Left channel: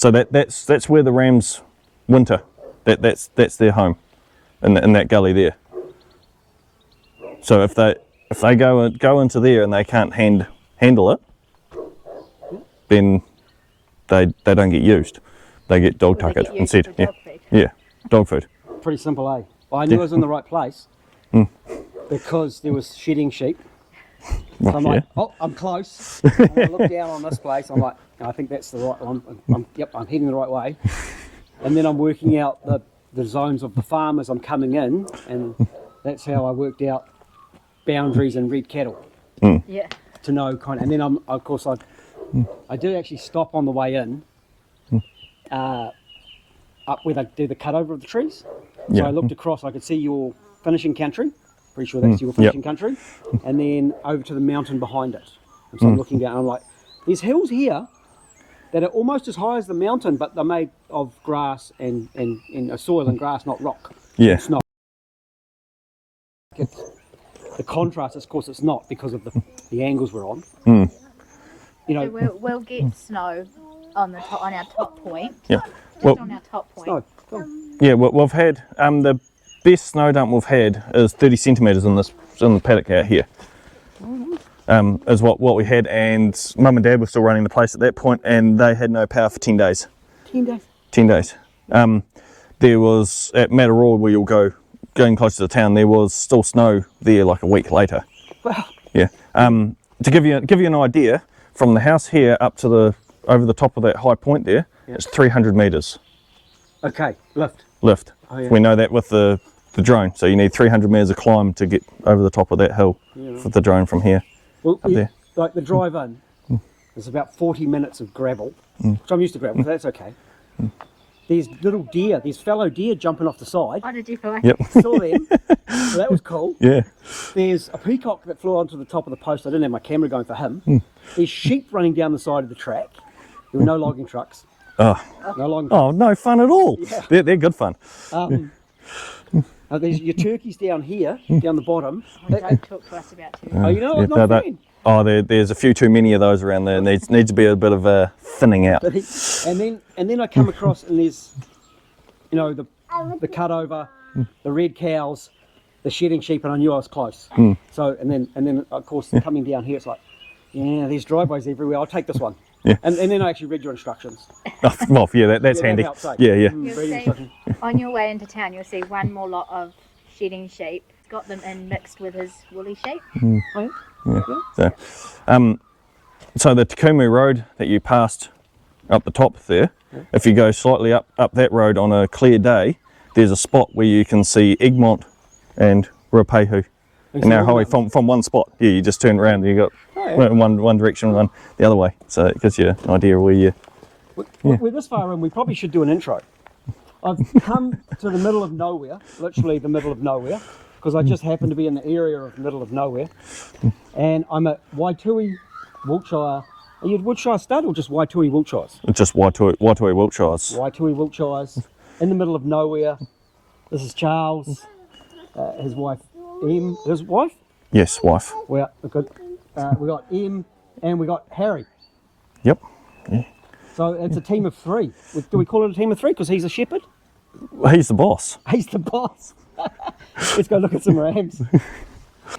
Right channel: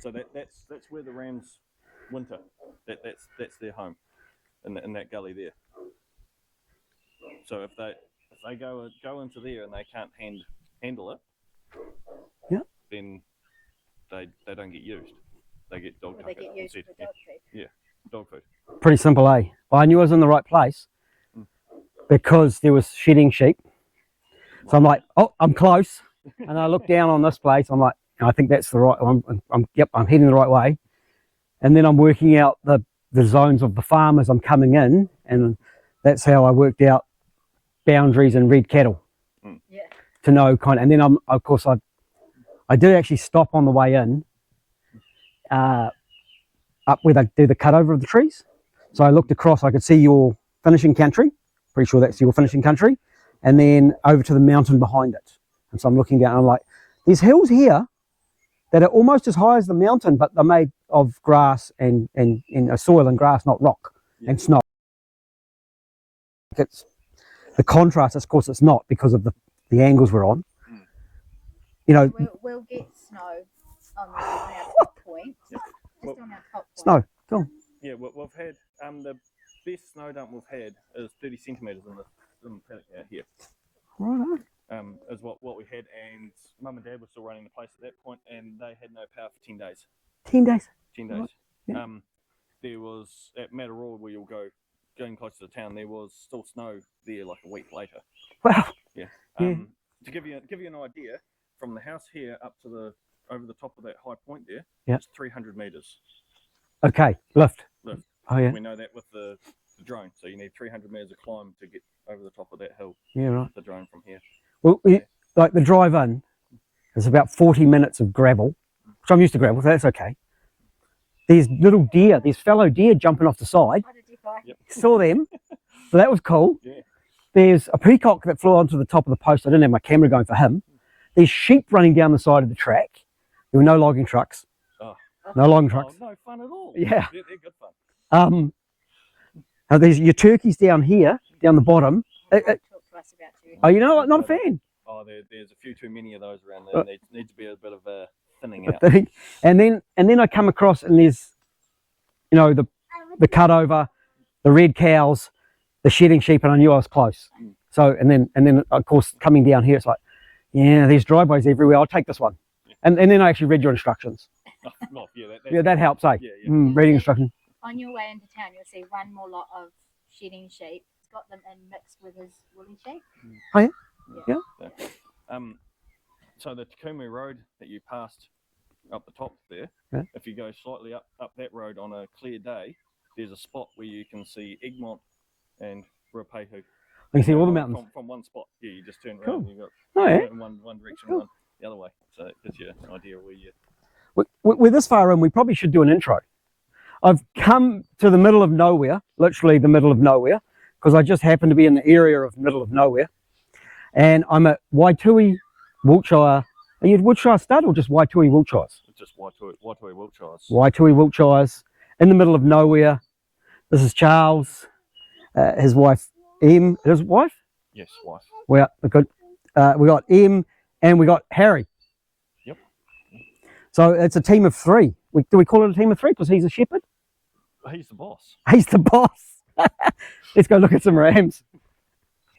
So that's where the rams winter. That's their home, in that gully there. So if they go into there and they can't handle it, then they don't get used. They get dog tuckered instead. Yeah, dog food. Pretty simple, eh? Well, I knew I was in the right place because there was shedding sheep. So I'm like, oh, I'm close. And I look down on this place. I'm like, I think that's the right one. Yep, I'm heading the right way. And then I'm working out the zones of the farm as I'm coming in, and that's how I worked out boundaries and red cattle. Yeah. To know and then I did actually stop on the way in, up where they do the cut over of the trees. So I looked across, I could see your finishing country. Pretty sure that's your finishing country. And then over to the mountain behind it. And so I'm looking down and I'm like, there's hills here that are almost as high as the mountain, but they're made of grass and soil and grass, not rock. Yeah. It's not. It's the contrast, of course, it's not because of the angles we're on. You know, So we'll get snow on our top point. Yeah. On our top point. snow. Cool. Yeah, we've had the best snow dump we've had is 30 centimetres in the paddock out here. Is what we had, and Mum and Dad were still running the place at that point, and they had no power for 10 days. 10 days. 10 days. There was at Mataroa, where you'll going close to the town, there was still snow there like a week later. Wow. Yeah. To give you an idea, from the house here up to over the top of that high point there, it's 300 metres. Okay, lift. Oh, yeah. We know that with the drone, so you need 300 metres of climb to get over the top of that hill for the drone from here. Well, like the drive in, there's about 40 minutes of gravel, which I'm used to gravel, so that's okay. There's little deer, there's fallow deer jumping off the side. What did you find? Yep. Saw them, so that was cool. Yeah. There's a peacock that flew onto the top of the post. I didn't have my camera going for him. There's sheep running down the side of the track. There were no logging trucks. Oh. No logging trucks. Oh, no fun at all. Yeah. They're good fun. There's your turkeys down here, down the bottom. Don't talk to us about turkeys. Oh, you know what? Not a fan. Oh, there's a few too many of those around there. Needs to be a bit of a thinning out. And then I come across and there's, you know, the cut over, the red cows, the shedding sheep, and I knew I was close. So and then of course coming down here, it's like, yeah, there's driveways everywhere. I'll take this one. Yeah. And then I actually read your instructions. Oh, well, yeah, that's handy. That helps, eh? Yeah. Reading instructions. On your way into town, you'll see one more lot of shedding sheep. Got them in mixed with his woolly sheep. Oh, yeah? So the Takumu Road that you passed up the top there, if you go slightly up that road on a clear day, there's a spot where you can see Egmont and Ruapehu. And now Howie from one spot. Yeah, you just turn around and you got one direction, one the other way. So it gives you an idea where you... We're this far in, we probably should do an intro. I've come to the middle of nowhere, literally the middle of nowhere, because I just happen to be in the area of middle of nowhere. And I'm at Waitui Wiltshire. Are you at Wiltshire Stud or just Waitui Wiltshires? It's just Waitui Wiltshires. Waitui Wiltshires, in the middle of nowhere. This is Charles, his wife Em. His wife? Yes, wife. We got Em and we got Harry. Yep. Yeah. So it's a team of three. Do we call it a team of three because he's a shepherd? He's the boss. He's the boss. Let's go look at some rams.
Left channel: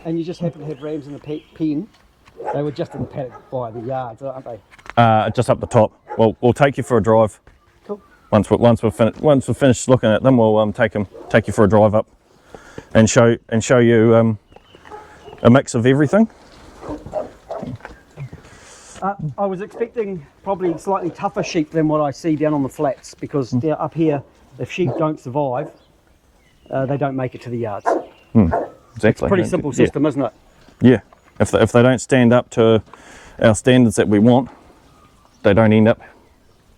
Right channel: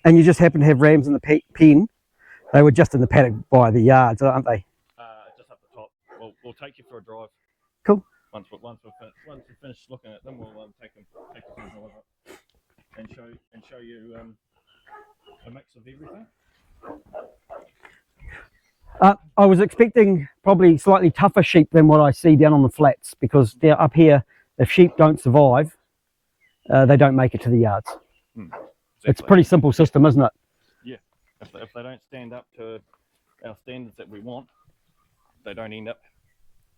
And you just happen to have rams in the pen. They were just in the paddock by the yards, aren't they? Just up the top. Well, we'll take you for a drive. Cool. Once we're finished looking at them, we'll take you for a drive up and show you a mix of everything. I was expecting probably slightly tougher sheep than what I see down on the flats, because down up here, if sheep don't survive, they don't make it to the yards. Exactly. It's a pretty simple system, isn't it? Yeah. If they don't stand up to our standards that we want, they don't end up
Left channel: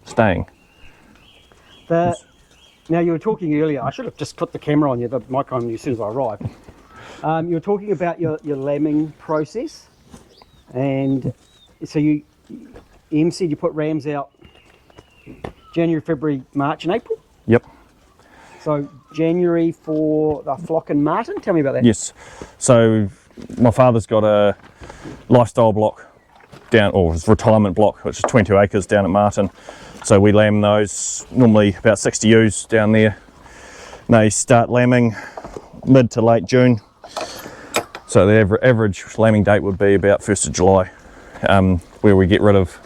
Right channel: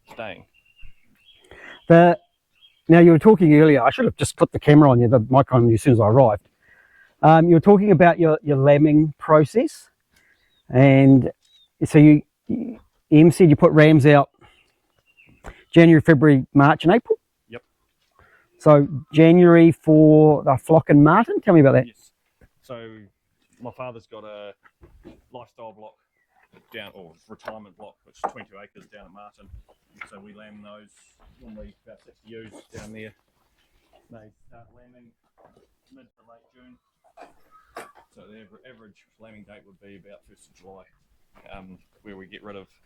staying. Now you were talking earlier, I should have just put the camera on you, the mic on you as soon as I arrived. You were talking about your lambing process, and so Em said you put rams out January, February, March and April? Yep. So January for the flock in Martin, tell me about that. Yes. So my father's got a lifestyle block down, or his retirement block, which is 22 acres down at Martin. So we lamb those, normally about 60 ewes down there. They start lambing mid to late June. So the average lambing date would be about 1st of July, where we get rid of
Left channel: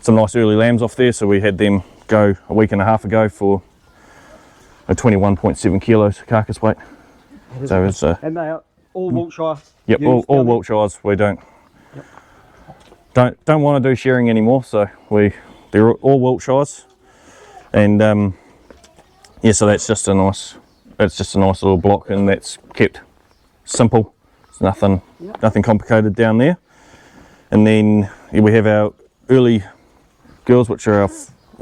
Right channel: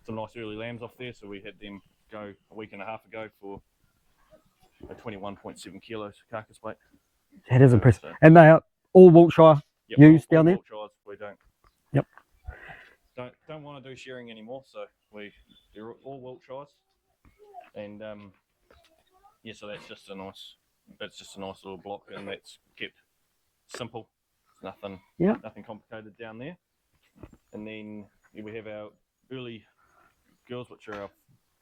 some nice early lambs off there. So we had them go a week and a half ago for a 21.7 kilos carcass weight. That is So and they are all Wiltshire. Yep, ewes all down there? Wiltshires. We don't Yep. don't want to do shearing anymore. So they're all Wiltshires, and yeah. So that's just a nice little block, and that's kept simple. It's nothing complicated down there. And then we have our early girls, which are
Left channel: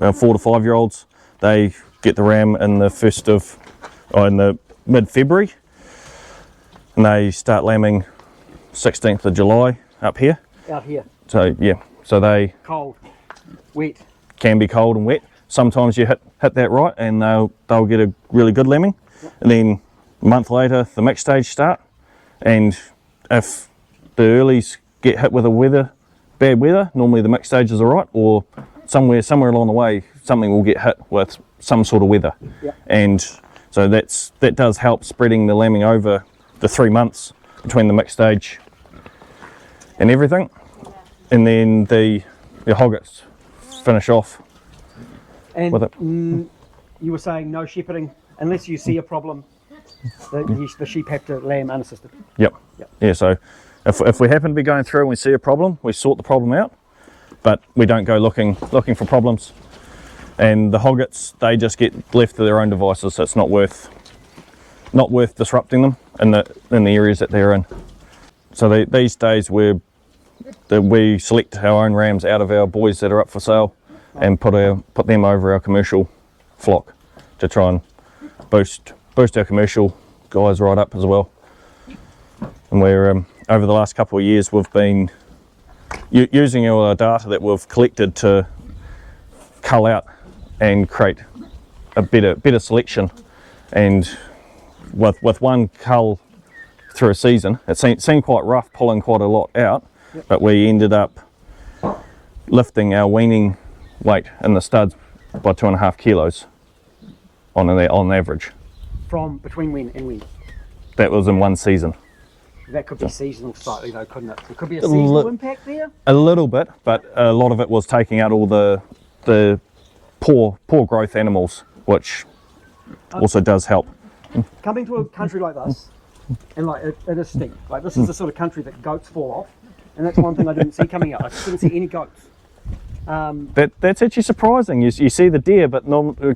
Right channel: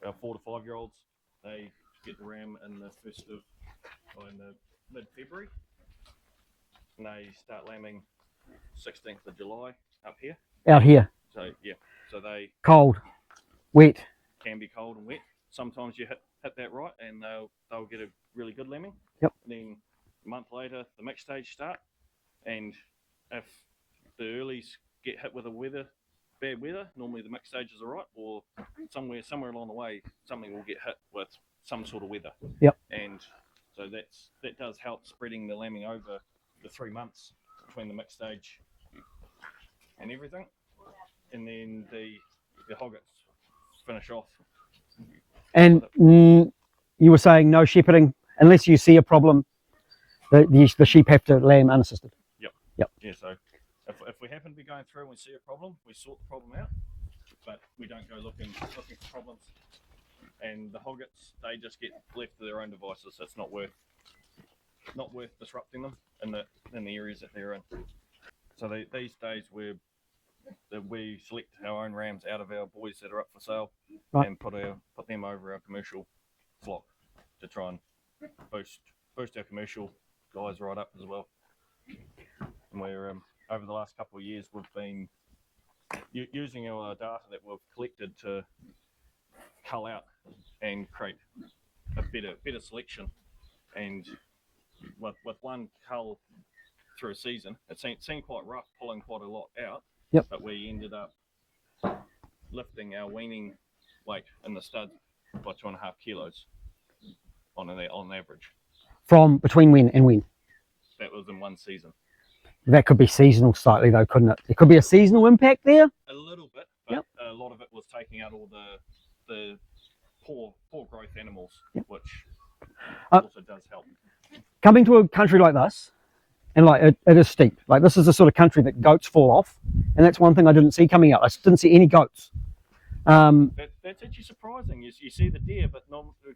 our 4 to 5 year olds. They get the ram in the mid-February, and they start lambing 16th of July up here. Out here. So yeah, so they Cold, wet. can be cold and wet. Sometimes you hit that right, and they'll get a really good lambing. Yep. And then a month later, the mixed stage start, and if the earlies get hit with bad weather, normally the mixed stage is all right, or somewhere along the way, something will get hit with some sort of weather. Yep. And so that does help spreading the lambing over the 3 months between the mixed stage and everything. And then the hoggets finish off. And with it. you were saying no shepherding unless you see a problem. The sheep have to lamb unassisted. Yep. Yep. Yeah, so if we happen to be going through and we see a problem, we sort the problem out, but we don't go looking for problems. And the hoggets, they just get left to their own devices, so it's not worth disrupting them in the areas that they're in. So these days we select our own rams out of our boys that are up for sale, right, and put them over our commercial flock to try and boost our commercial guys right up as well. And we're over the last couple of years we've been using our data that we've collected to cull out and create a better selection. And with one cull through a season, it seemed quite rough pulling quite a lot out. Yep. But we ended up lifting our weaning weight in the studs by 2.5 kilos on average. From between when and when? That was in one season. That could be seasonal slightly though, couldn't it? There could be a seasonal impact there? A little bit, but a lot of it was taking out all the poor growth animals, which also does help. Coming to a country like this, and like it is steep. Like this is the sort of country that goats fall off, and that's one thing I didn't see coming up. I didn't see any goats. That's actually surprising. You see the deer, but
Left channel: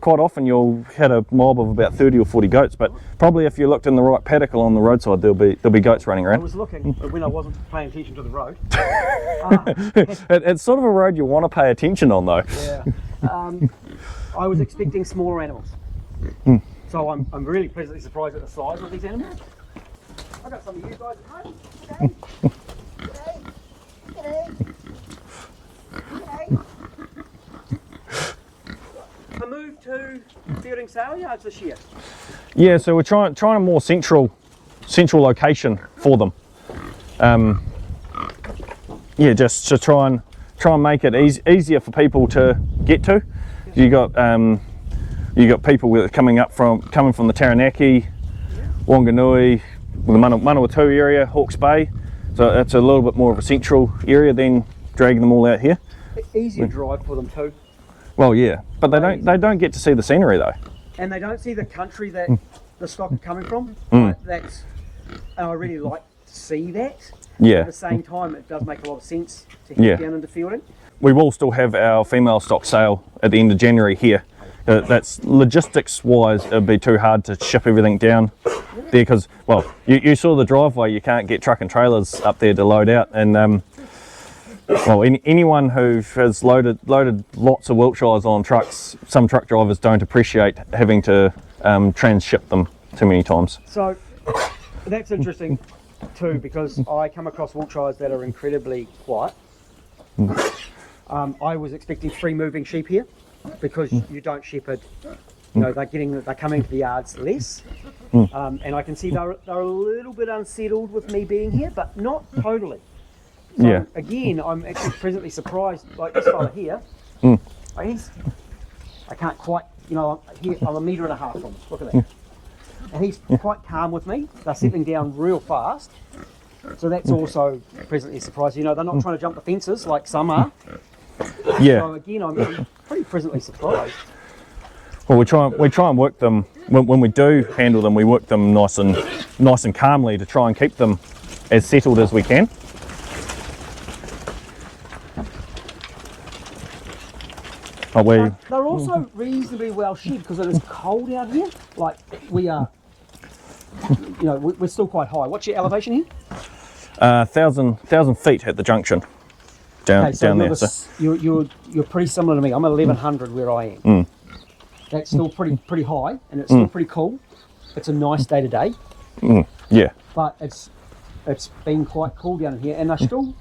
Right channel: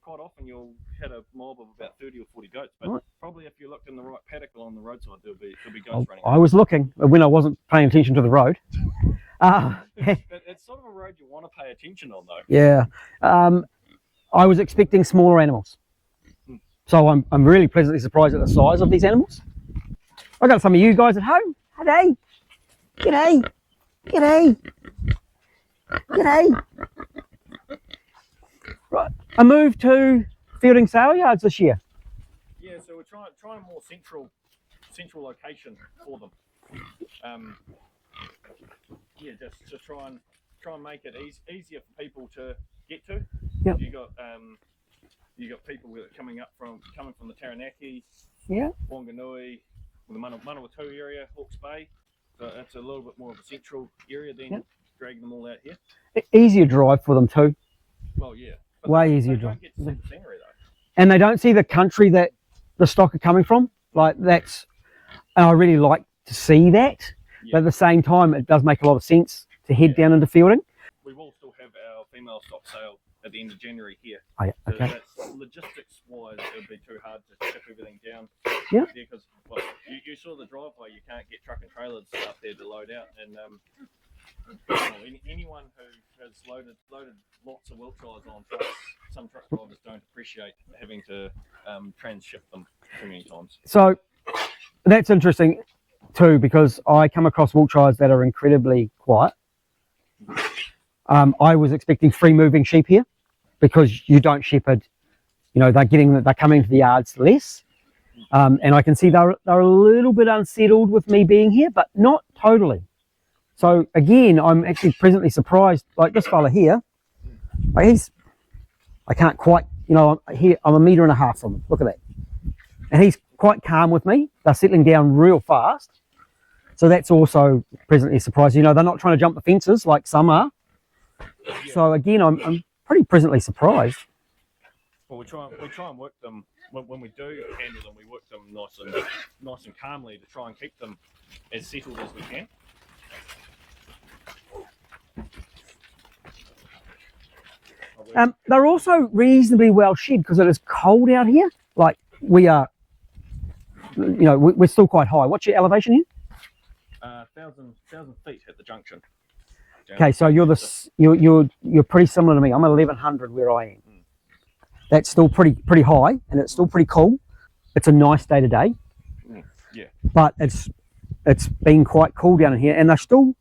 quite often you'll hit a mob of about 30 or 40 goats. But probably if you looked in the right paddock along the roadside, there'll be goats running around. I was looking when I wasn't paying attention to the road. It's sort of a road you want to pay attention on, though. Yeah. I was expecting smaller animals. So I'm really pleasantly surprised at the size of these animals. I got some of you guys at home. G'day. G'day. G'day. G'day. Right. A move to fielding sale yards this year. Yeah, so we're trying a more central location for them. Yeah, just to try and make it easier for people to get to. Yep. You got people that are coming from the Taranaki, yeah, Wanganui, the Manawatu area, Hawke's Bay. So it's a little bit more of a central area than dragging them all out here. Easier drive for them too. Well, yeah, but they don't get to see the scenery though. And they don't see the country that the stock are coming from. Like and I really like to see that. Yeah. But at the same time, it does make a lot of sense to head down into fielding. We will still have our female stock sale at the end of January here. Oh, yeah. That's logistics wise, it'd be too hard to ship everything down there because, well, you saw the driveway, you can't get truck and trailers up there to load out. And well, anyone who has loaded lots of Wiltshires on trucks, some truck drivers don't appreciate having to transship them too many times. So that's interesting too, because I come across Wiltshires that are incredibly quiet. I was expecting free moving sheep here because you don't shepherd. You know, they're coming to the yards less, and I can see they're a little bit unsettled with me being here, but not totally. So again, I'm actually pleasantly surprised. Like this fella here, like I can't quite, you know, here I'm 1.5 meters from him. Look at that. And he's quite calm with me. They're settling down real fast. So that's also pleasantly surprising. You know, they're not trying to jump the fences like some are. Yeah. So again, I'm pretty pleasantly surprised. Well, we try and work them when we do handle them. We work them nice and calmly to try and keep them as settled as we can. They're also reasonably well shed because it is cold out here. Like we are, you know, we're still quite high. What's your elevation here? 1,000 feet at the junction. Down, okay, so down you're pretty similar to me. I'm 1,100 where I am. That's still pretty high, and it's still pretty cool. It's a nice day today. Yeah. But it's been quite cool down in here, and they're still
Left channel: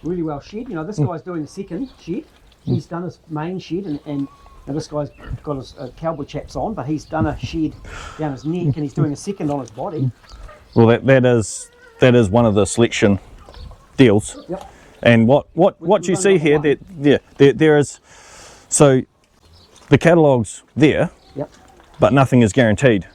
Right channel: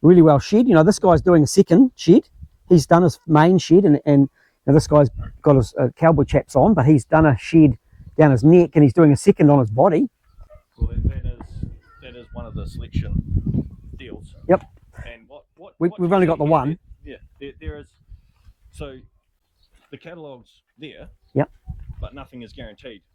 really well shed. You know, this guy's doing a second shed. He's done his main shed, and now this guy's got his cowboy chaps on, but he's done a shed down his neck, and he's doing a second on his body. Well, that is one of the selection deals. Yep. And what you see here, there is, so the catalogue's there. Yep. But nothing is guaranteed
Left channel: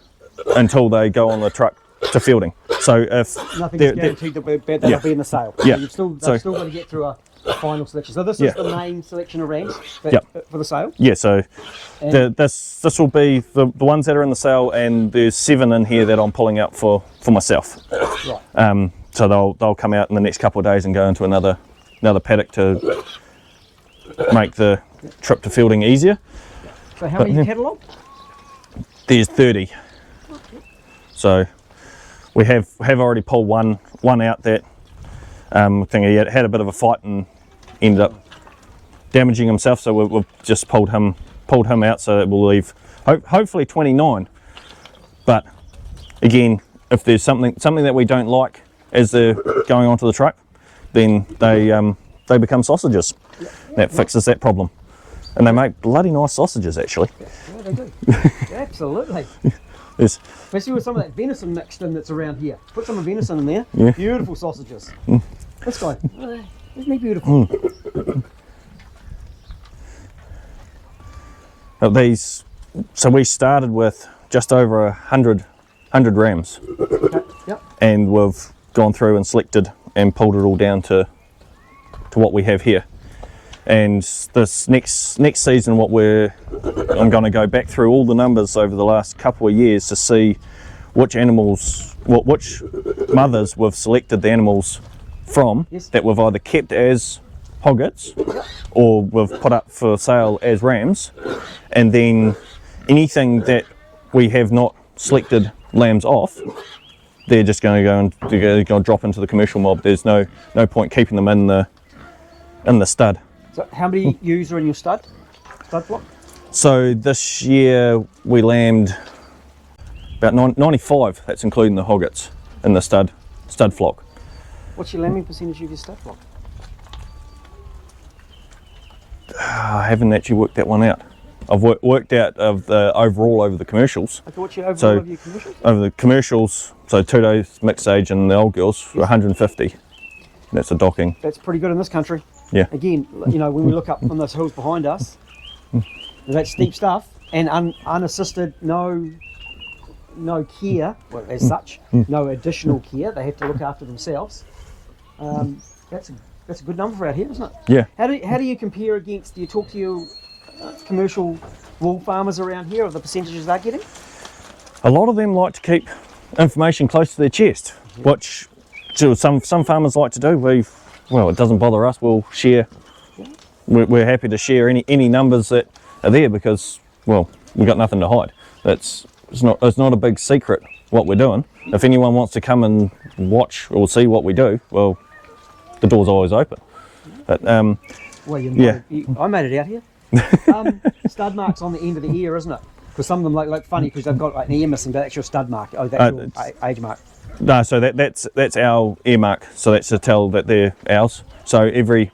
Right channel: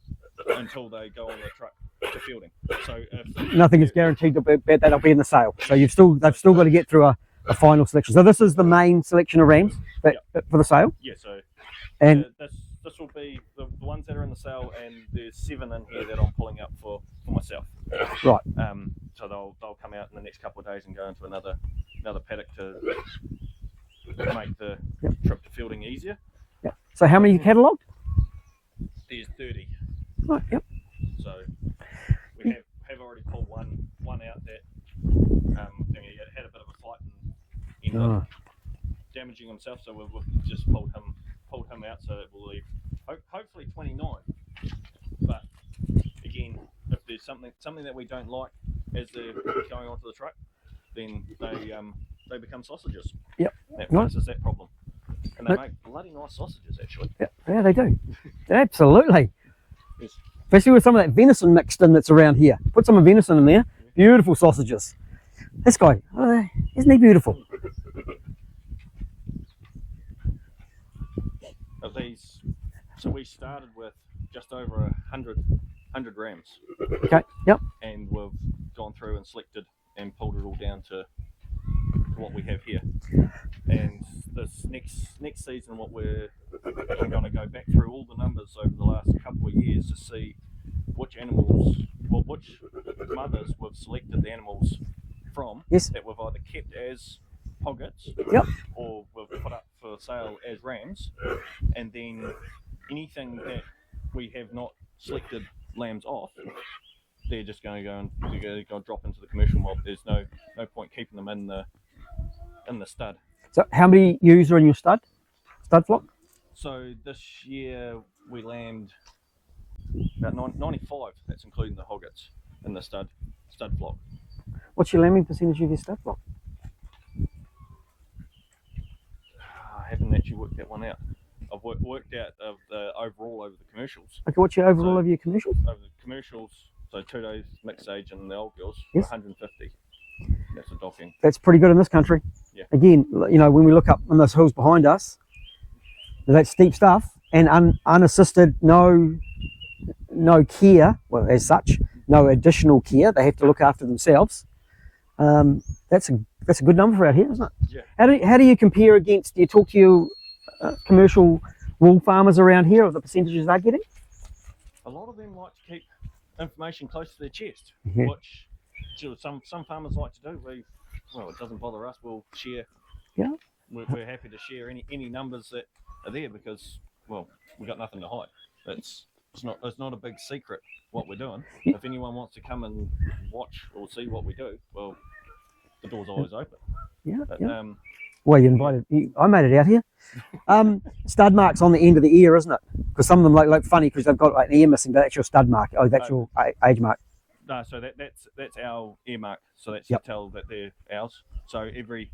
until they go on the truck to fielding. So if nothing is guaranteed that'll be in the sale. Yeah. So they've still got to get through a final selection. So this is the main selection of rams for the sale. Yeah. So this will be the ones that are in the sale, and there's 7 in here that I'm pulling out for myself. Right. So they'll come out in the next couple of days and go into another paddock to make the trip to fielding easier. So how many catalogue? There's 30. Right, yep. So we have already pulled one out that I think he had a bit of a fight and ended up damaging himself. So we've just pulled him out. So that will leave hopefully 29. But again, if there's something that we don't like as they're going onto the truck, then they become sausages. Yep. That fixes that problem. And they make bloody nice sausages, actually. Yeah, they do. Absolutely. Yes. Especially with some of that venison mixed in that's around here. Put some venison in there. Yeah. Beautiful sausages. This guy, isn't he beautiful? So we started with just over 100 rams. Okay, yep. And we've gone through and selected and pulled it all down to what we have here. And this next season, I'm going to go back through all the numbers over the last couple of years to see which mothers we've selected the animals from that we've either kept as hoggets or we've put up for sale as rams, and then anything that we have not selected lambs off, they're just going to drop into the commercial mob. There's no point keeping them in the stud. So how many ewes are in your stud flock? So this year we lambed about 95. That's including the hoggets in the stud flock. What's your lambing percentage of your stud flock? I haven't actually worked that one out. I've worked out of the overall over the commercials. Okay, what's your overall of your commercials? Over the commercials, so 2 days mixed age and the old girls, 150. That's a docking. That's pretty good in this country. Yeah. Again, you know, when we look up on those hills behind us, that steep stuff and unassisted, no care, well, as such, no additional care. They have to look after themselves. That's a good number for out here, isn't it? Yeah. How do you compare against? Do you talk to your commercial wool farmers around here, or the percentages they're getting? A lot of them like to keep information close to their chest, which some farmers like to do. It doesn't bother us. We'll share. Yeah. We're happy to share any numbers that are there because, well, we've got nothing to hide. It's not a big secret what we're doing. If anyone wants to come and watch or see what we do, well, the door's always open. Yeah, but I made it out here. Stud marks on the end of the ear, isn't it? Because some of them look funny because they've got like an ear missing, but that's your stud mark. Oh, that's your age mark. No, so that's our ear mark. So that's to tell that they're ours. So every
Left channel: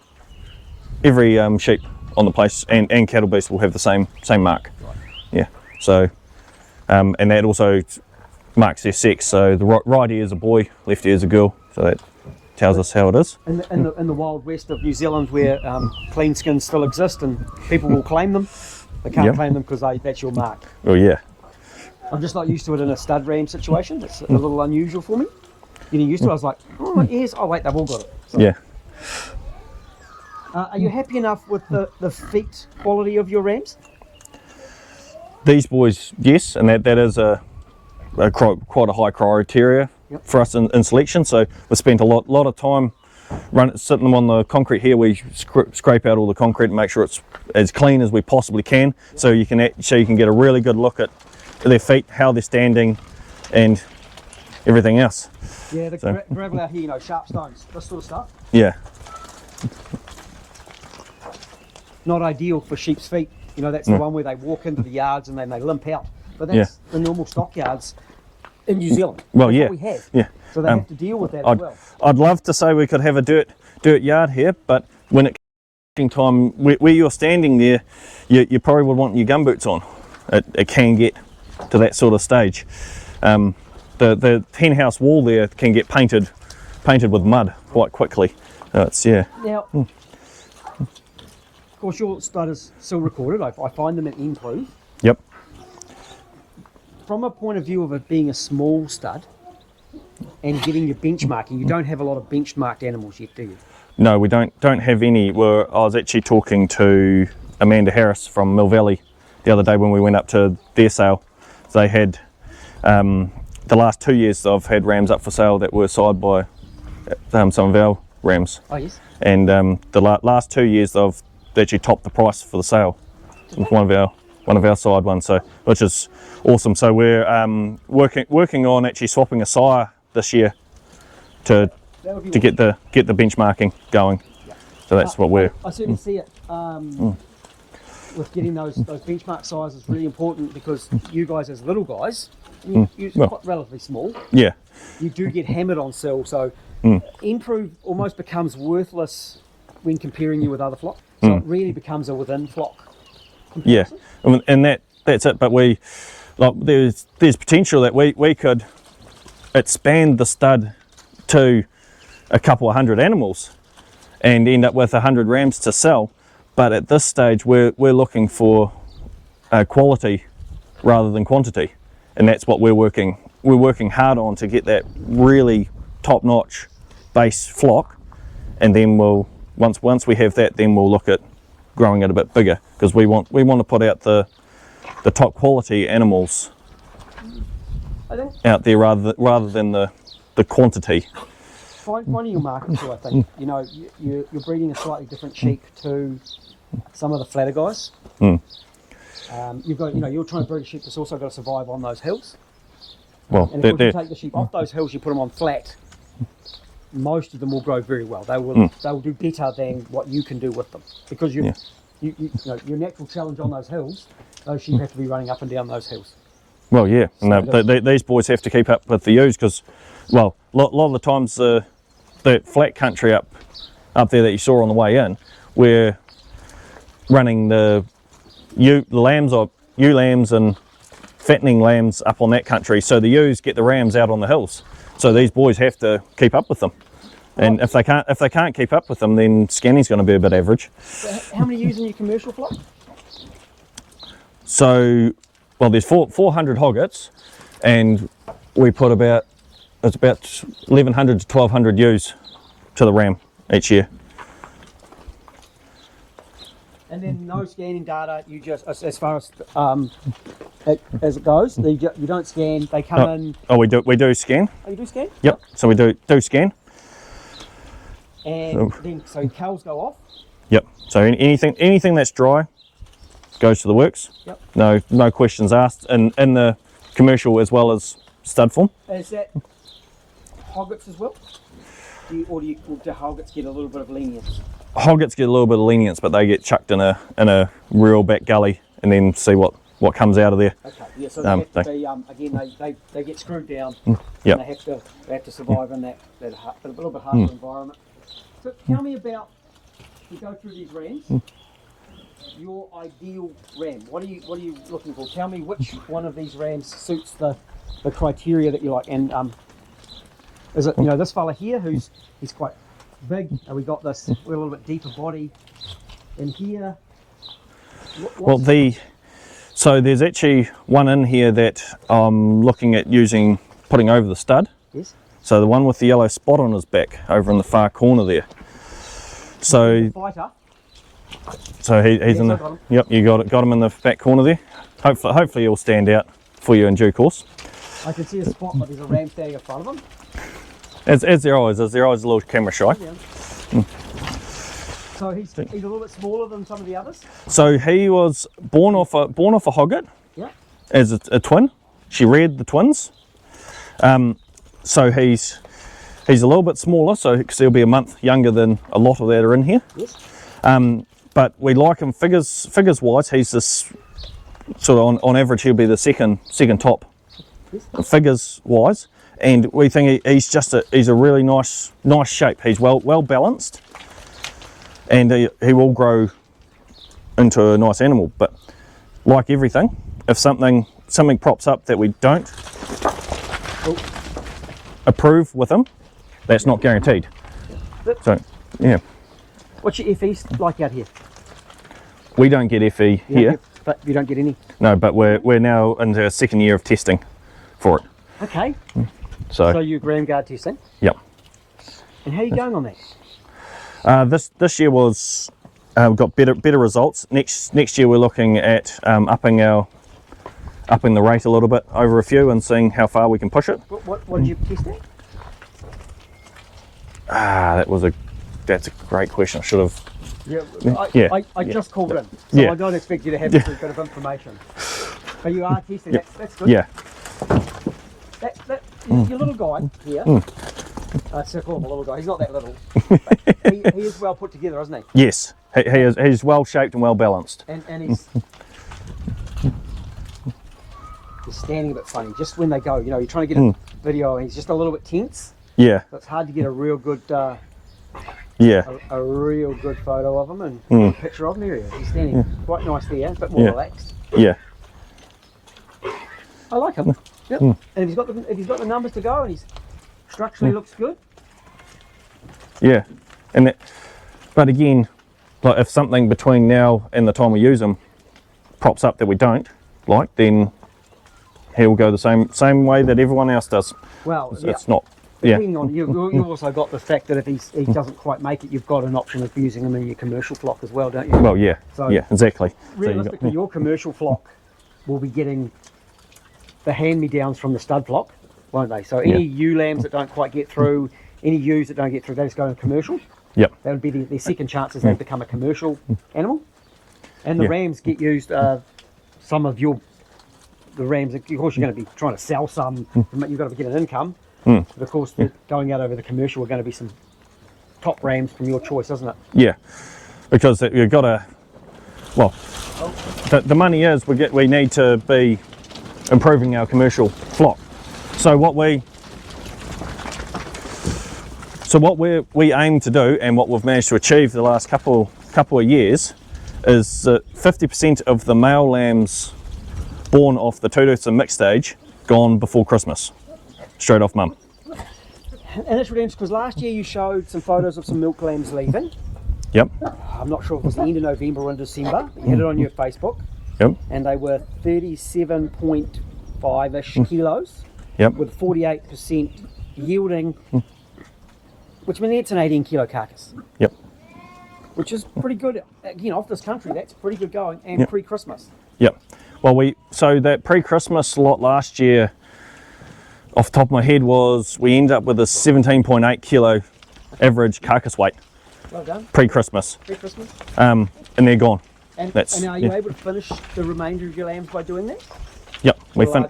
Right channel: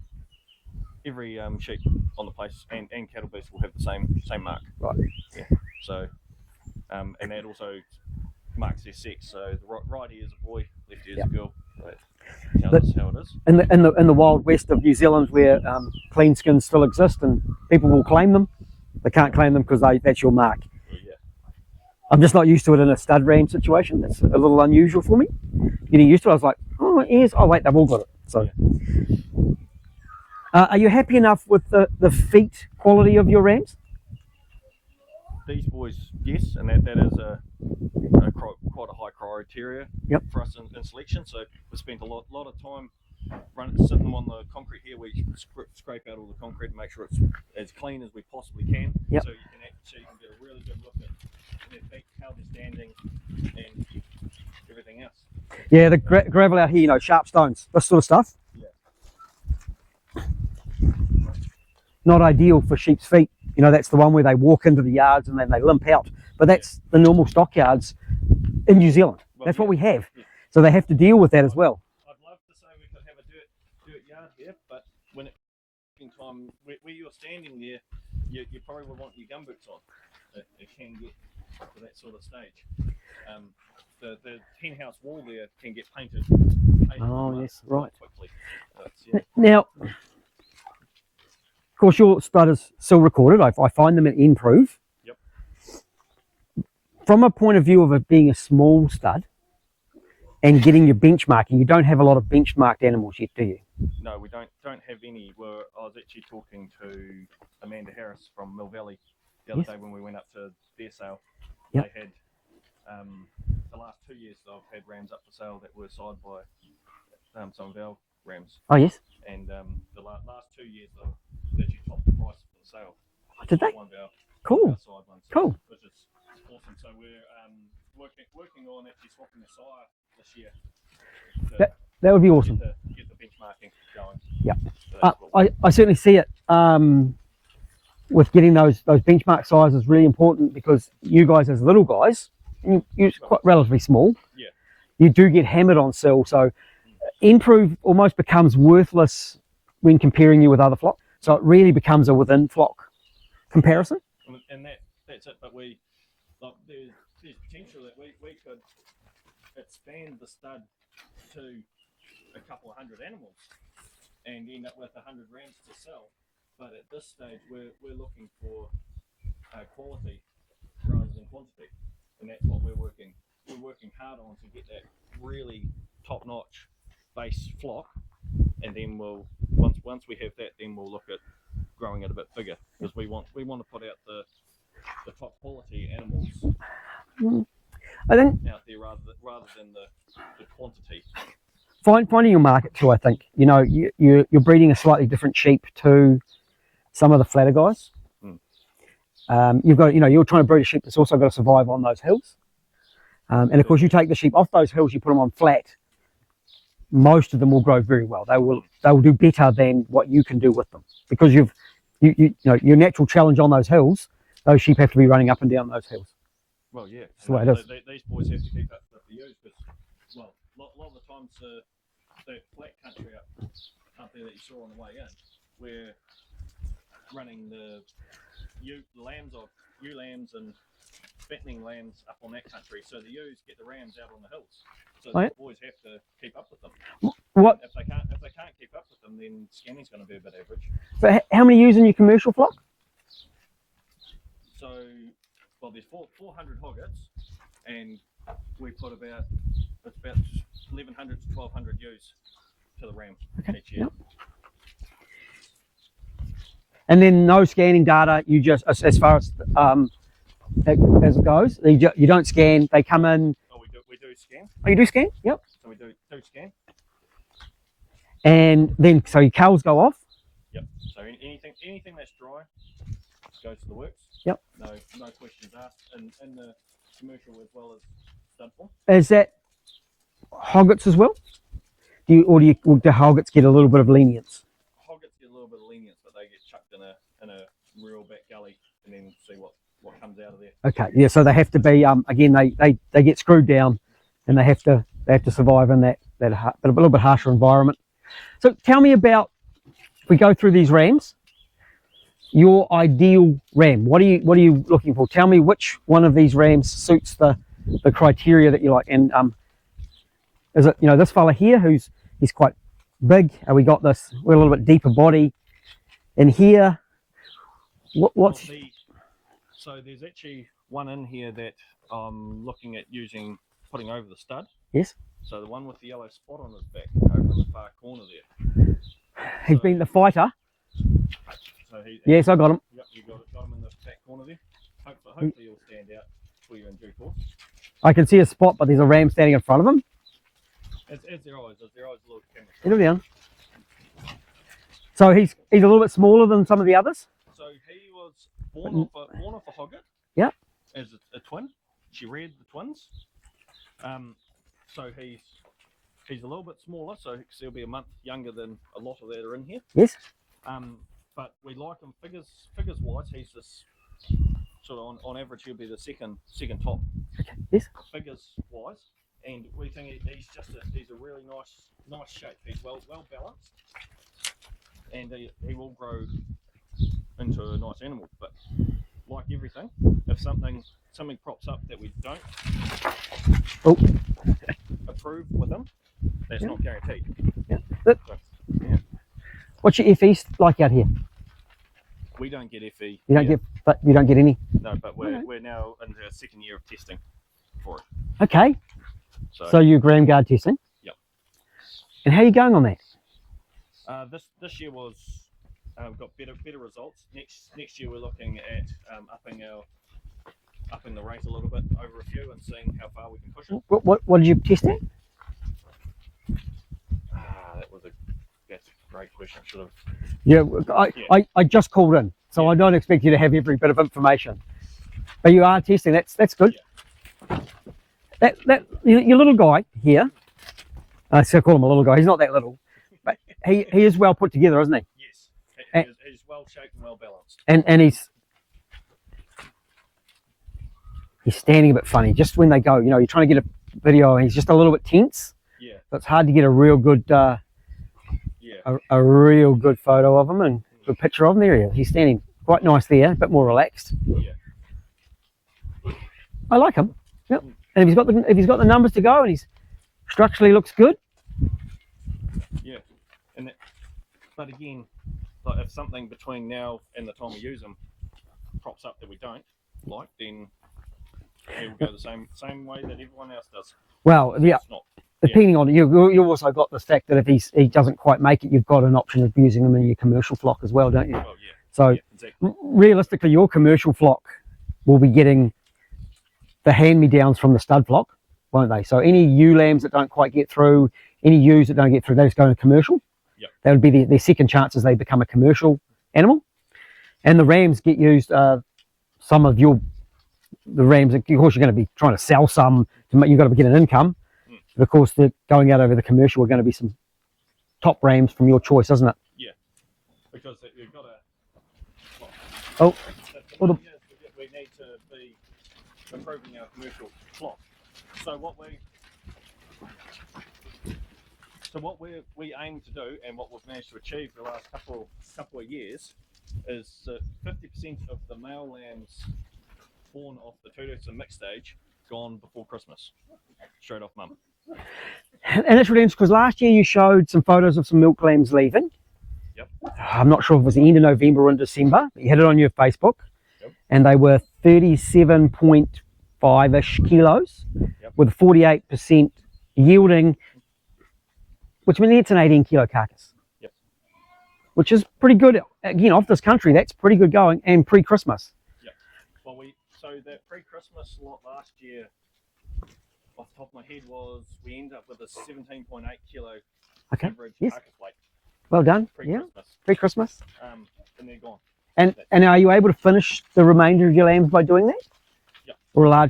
sheep on the place and cattle beast will have the same mark. Right. Yeah. So and that also marks their sex. So the right ear is a boy, left ear is a girl. So that tells us how it is. In the wild west of New Zealand, where clean skins still exist and people will claim them, They can't Yep. claim them because that's your mark. Oh yeah. I'm just not used to it in a stud ram situation. It's a little unusual for me. Getting used to it, I was like, oh, ears. Oh, wait, they've all got it. So, Yeah. are you happy enough with the feet quality of your rams? These boys, yes, and that is quite a high criteria Yep. for us in selection. So we spent a lot of time sitting them on the concrete here. We scrape out all the concrete and make sure it's as clean as we possibly can. Yep. So you can get a really good look at their feet, how they're standing, and everything else. Yeah, the gravel out here, sharp stones, this sort of stuff. Yeah. Not ideal for sheep's feet. That's the one where they walk into the yards and then they limp out. But that's the normal stockyards in New Zealand. Well, that's yeah. what we have. Yeah. So they have to deal with that as well. I'd love to say we could have a dirt yard here, but when it comes time, where you're standing there, you probably would want your gumboots on. It can get to that sort of stage. The hen house wall there can get painted with mud quite quickly. Now, of course, your stud is still recorded. I find them at Improve. Yep. From a point of view of it being a small stud and getting your benchmarking, you don't have a lot of benchmarked animals yet, do you? No, we don't have any. I was actually talking to Amanda Harris from Mill Valley the other day when we went up to their sale. They had the last 2 years I've had rams up for sale that were side by some of our rams. Oh yes. And the last 2 years they actually topped the price for the sale. Did they? One of our side ones, Cool. Which is awesome. So we're working on actually swapping a sire this year to That would be awesome. get the benchmarking going. Yeah. So that's what we're. I certainly see it. With getting those benchmark sizes really important, because you guys as little guys, you're quite relatively small. Yeah. You do get hammered on sell, so Improve almost becomes worthless when comparing you with other flock. So it really becomes a within flock comparison. Yeah, and that's it. But there's potential that we could expand the stud to a couple of hundred animals and end up with 100 rams to sell. But at this stage, we're looking for quality rather than quantity, and that's what we're working hard on, to get that really top-notch base flock, and then once we have that, then we'll look at growing it a bit bigger, because we want to put out the top quality animals out there rather than the quantity. Finding your market too, I think. You're breeding a slightly different sheep to some of the flatter guys. You've got, you're trying to breed a sheep that's also got to survive on those hills. And of course, you take the sheep off those hills, you put them on flat. Most of them will grow very well. They will do better than what you can do with them, because your natural challenge on those hills, those sheep have to be running up and down those hills. Well, yeah, So these boys have to keep up with the ewes, because, well, a lot of the times the flat country up there that you saw on the way in, we're running the ewe lambs and fattening lambs up on that country, so the ewes get the rams out on the hills. So these boys have to keep up with them, and if they can't keep up with them, then scanning's going to be a bit average. But how many ewes in your commercial flock? So, well, there's 400 hoggets, and we put about 1,100 to 1,200 ewes to the ram each year. And then no scanning data. You just, as far as it goes, you don't scan. They come in. Oh, we do scan. Oh, you do scan? Yep. So we do scan. And then so your culls go off. Yep. So anything that's dry goes to the works. Yep. No questions asked. In the commercial as well as stud form. Is that hoggets as well? Do hoggets get a little bit of lenience? Hoggets get a little bit of lenience, but they get chucked in a real back gully and then see what comes out of there. Okay, yeah. So they have to be again. They get screwed down, Yep. and they have to survive in that a little bit harsher environment. So tell me about, if we go through these rams, your ideal ram. What are you looking for? Tell me which one of these rams suits the criteria that you like. And is it this fella here he's quite big, and we got this, we're a little bit deeper body in here. Well, the So there's actually one in here that I'm looking at putting over the stud. Yes. So the one with the yellow spot on his back over in the far corner there. So He's the fighter. So he's Yes, I got him. Yep, you got him in the back corner there. Hopefully he'll stand out for you in due course. I can see a spot, but there's a ram standing in front of him. As there always is. They're always a little camera shy. Down. So he's a little bit smaller than some of the others. So he was born off a hogget. Yeah. As a twin. She reared the twins. So he's a little bit smaller, so because he'll be a month younger than a lot of that are in here. Yes. But we like him figures wise. He's this sort of on average he'll be the second top Yes. figures wise, and we think he's a really nice shape. He's well balanced, and he will grow into a nice animal. But like everything, if something props up that we don't approve with him, that's not guaranteed. So yeah. What's your FE like out here? We don't get FE here. But you don't get any? No, but we're now into our second year of testing for it. Okay. So So you're gram guard testing? yep. And how are you going on that? This year was we've got better results. Next year we're looking at upping the rate a little bit over a few and seeing how far we can push it. What did you test at? That's a great question. I should have. Yeah, Yeah, I just called in, so Yeah. I don't expect you to have every bit of information. But you are testing. That's good. Yeah. Your little guy here. I still call him a little guy. He's not that little. But he is well put together, isn't he? Yes. He's well shaped and well balanced. And he's standing a bit funny. Just when they go, you're trying to get a video, and he's just a little bit tense. Yeah. So it's hard to get a real good. Yeah. A real good photo of him and a picture of him. There he is. He's standing quite nice there, a bit more relaxed. Yeah. I like him. Yep. And if he's got the numbers to go and he's structurally looks good. Yeah. But again, like if something between now and the time we use them props up that we don't like, then he'll go the same way that everyone else does. Well, So it's not. depending on you also got the fact that if he doesn't quite make it, you've got an option of using him in your commercial flock as well, don't you? Well, yeah. So yeah, exactly. Realistically, your commercial flock will be getting the hand-me-downs from the stud flock, won't they? So any ewe lambs that don't quite get through, any ewes that don't get through, they just go into commercial. Yep. That would be their second chances they become a commercial animal. And the rams get used. Some of the rams, of course, you're going to be trying to sell some. You've got to get an income. But of course, they're going out over the commercial. We're going to be some top rams from your choice, isn't it? Yeah, because you've got to. Well, the money is we need to be improving our commercial flock. So what we aim to do, and what we've managed to achieve the last couple of years, is 50% of the male lambs born off the two-tooth and mixed stage gone before Christmas, straight off mum. And that's really interesting because last year you showed some photos of some milk lambs leaving. Yep. I'm not sure if it was the end of November or in December. You had it on your Facebook. Yep. And they were 37.5-ish kilos. Yep. With 48% yielding, which means it's an 18 kilo carcass. Yep. Which is pretty good. Again, off this country, that's pretty good going, and pre-Christmas. Yep. Well, so that pre-Christmas lot last year, off the top of my head, we ended up with a 17.8 kilo average carcass weight. Well done. Pre-Christmas. Pre-Christmas. And they're gone. And are you able to finish the remainder of your lambs by doing that? Yep. Or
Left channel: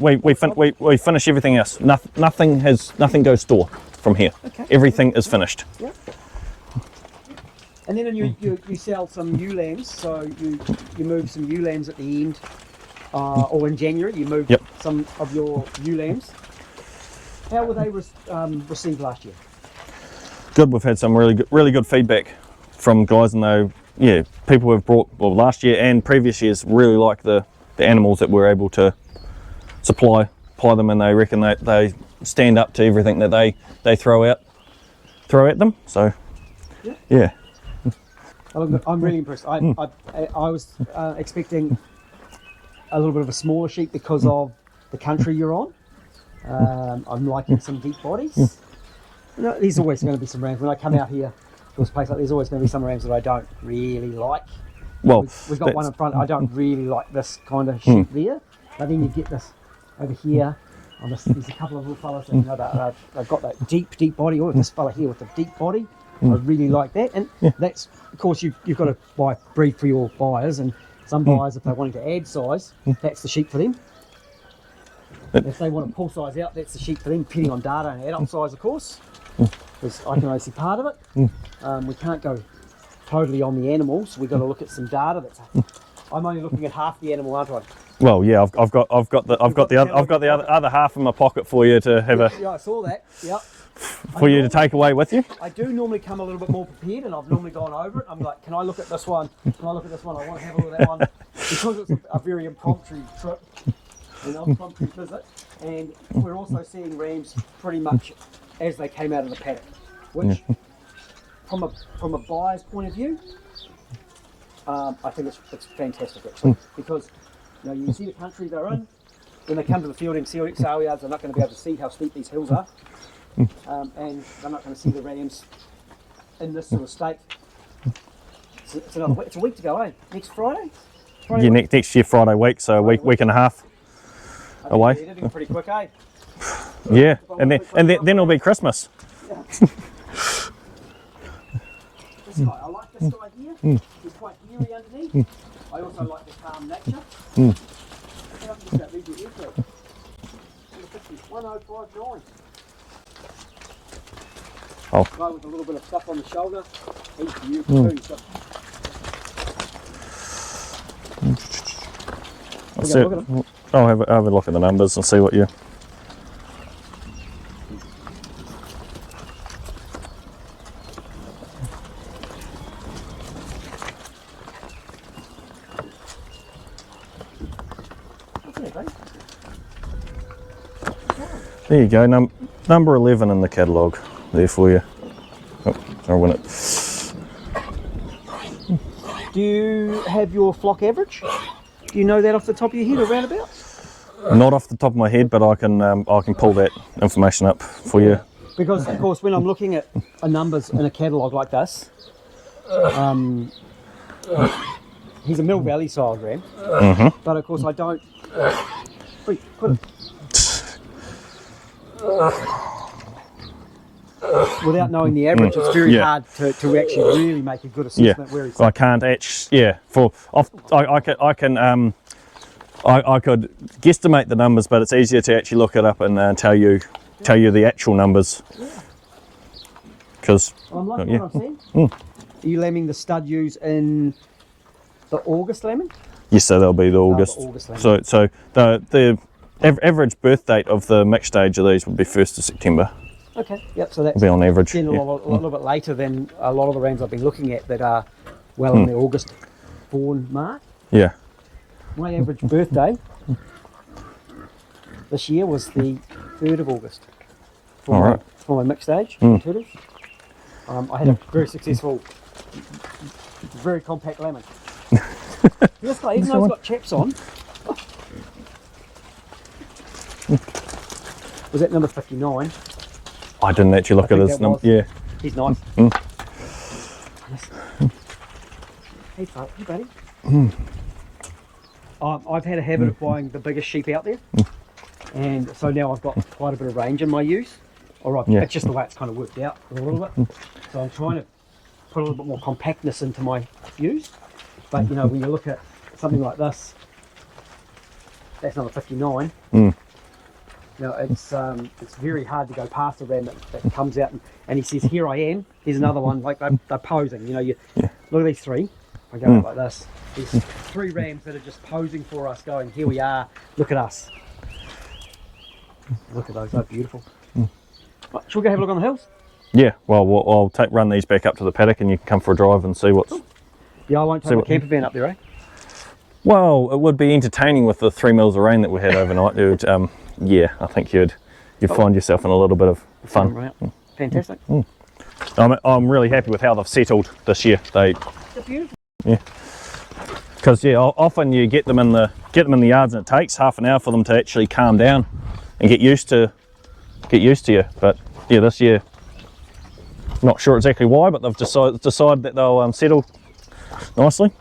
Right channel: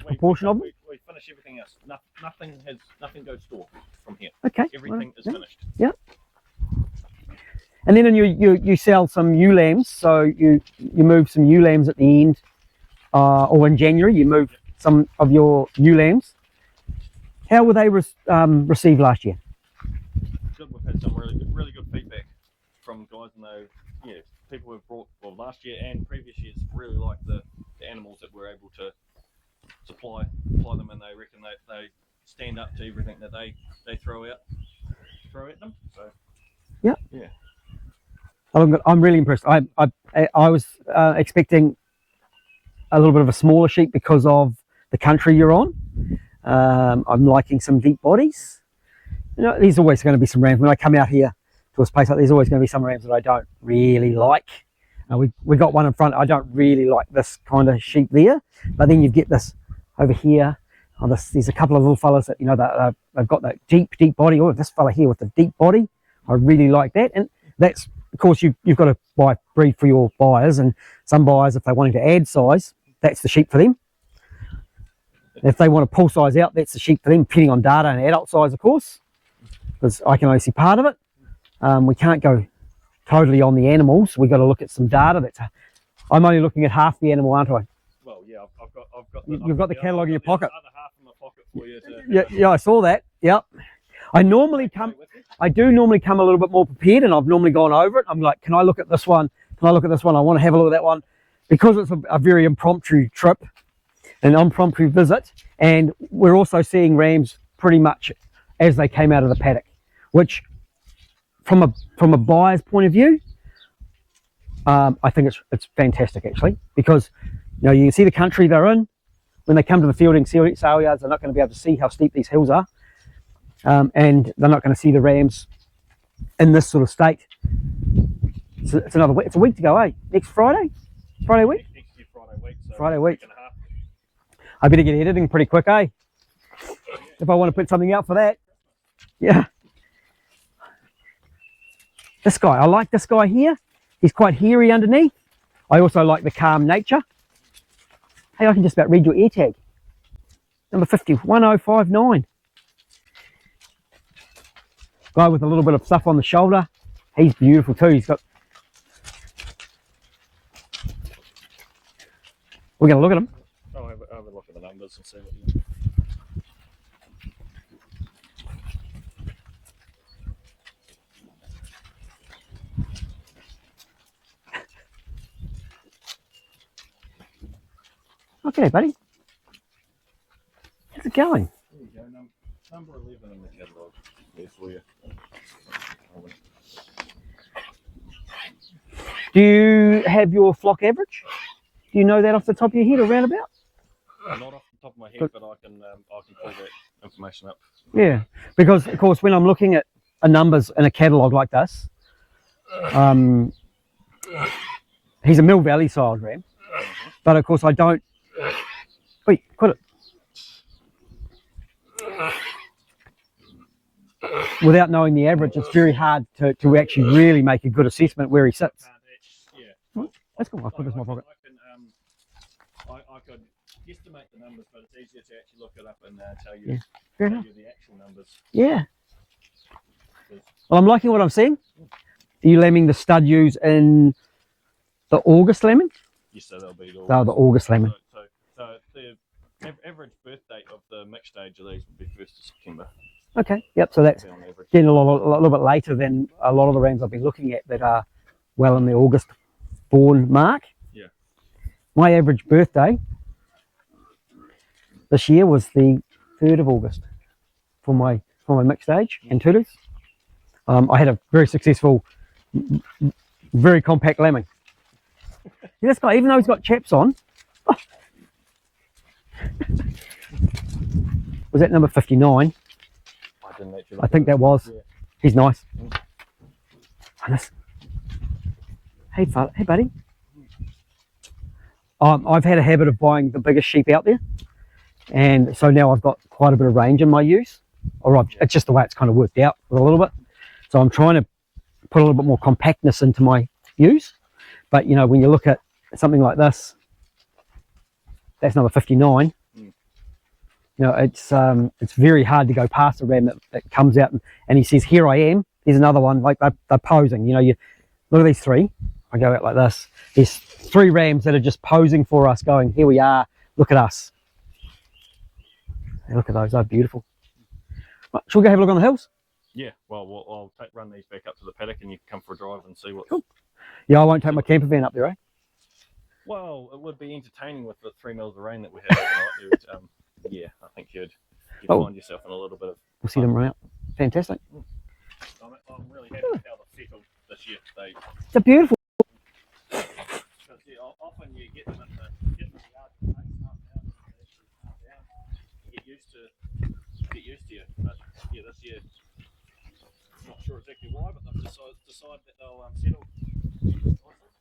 We finish everything else. Nothing goes store from here. Okay. Everything is finished. Yeah. And then you sell some ewe lambs, so you move some ewe lambs at the end, or in January you move some of your ewe lambs. How were they received last year? Good. We've had some really good feedback from guys, and people have brought last year and previous years really like the animals that we're able to supply them, and they reckon that they stand up to everything that they throw at them. So yeah. I'm really impressed. I was expecting a little bit of a smaller sheep because of the country you're on. I'm liking some deep bodies. You know, there's always going to be some rams. When I come out here to this place, there's always going to be some rams that I don't really like. Well, we got one in front. I don't really like this kind of sheep there. But then you get this over here. Oh, there's a couple of little fellas that, you know, that they've got that deep body. Oh, this fella here with the deep body. I really like that. And that's, of course, you've got to breed for your buyers. And some buyers, if they're wanting to add size, that's the sheep for them. If they want to pull size out, that's the sheep for them, depending on data and adult size, of course. Because I can only see part of it. We can't go totally on the animals. We've got to look at some data. I'm only looking at half the animal, aren't I? Well, yeah, I've got the other half in my pocket for you to have yeah, I saw that. Yep. for you to take away with you. I do normally come a little bit more prepared, and I've normally gone over it. I'm like, can I look at this one? Can I look at this one? I want to have a look at that one. Because it's a very impromptu trip, an impromptu visit, and we're also seeing rams pretty much as they came out of the paddock, which from a buyer's point of view, I think it's fantastic actually, because you know, you can see the country they're in. When they come to the fielding sale yards, they're not going to be able to see how steep these hills are, and they're not going to see the rams in this sort of state. So it's another week. It's a week to go, eh? Next Friday. Yeah, next year Friday week, so a week and a half. I better get editing pretty quick, eh? Yeah, If I want to put something out then for it'll that. be Christmas. Yeah. This guy, I like this guy here. He's quite hairy underneath. I also like the calm nature. Hey, I can just about read your ear tag. Number 50, 1059. Oh. Guy with a little bit of stuff on the shoulder. He's beautiful too. He's got. We're going to look at him. I'll have a look at the numbers and see what you. Okay, buddy. How's it going? There you go, number 11 in the catalogue there for you. Oh, I'll win it. Do you have your flock average? Do you know that off the top of your head or roundabout? Not off the top of my head, but I can pull that information up for you. Because of course when I'm looking at numbers in a catalogue like this, he's a Mill Valley style ram, but of course I don't. Wait, got it. Without knowing the average, it's very hard to actually really make a good assessment where he's. So I can't actually. Yeah, I could guesstimate the numbers, but it's easier to actually look it up and tell you the actual numbers. Yeah. Because. Well, I'm liking what I'm seeing. Are you lambing the stud ewes in the August lambing? Yes, so they'll be the August. The August lambing. So the average birth date of the mixed stage of these would be 1st of September. Okay. Yep. So that's be on average. Then a little bit later than a lot of the rams I've been looking at that are well in the August born mark. Yeah. My average birthday this year was the 3rd of August on my mixed stage in Tudors. I had a very successful, very compact lambing. This guy, even though he's got chaps on, was that number 59? I didn't actually look at his number. Yeah. He's nice. Hey, buddy. I've had a habit of buying the biggest sheep out there, and so now I've got quite a bit of range in my ewes. It's just the way it's kind of worked out a little bit. So I'm trying to put a little bit more compactness into my ewes. But you know, when you look at something like this, that's number 59. You know, it's very hard to go past a ram that comes out and he says, "Here I am." Here's another one, like they're posing. You know, look at these three. I go out like this. There's 3 rams that are just posing for us, going, "Here we are. Look at us." And look at those. They're beautiful. Right, shall we go have a look on the hills? Yeah. Well, I'll run these back up to the paddock, and you can come for a drive and see what's. Yeah, I won't take my camper van up there, eh? Well, it would be entertaining with the 3 mils of rain that we had overnight. It would, yeah, I think you'd find yourself in a little bit of fun. Right. Fantastic. I'm really happy with how they've settled this year. They're beautiful. Yeah. Because yeah, often you get them in the yards and it takes half an hour for them to actually calm down and get used to you. But yeah, this year, not sure exactly why, but they've decided that they'll settle nicely.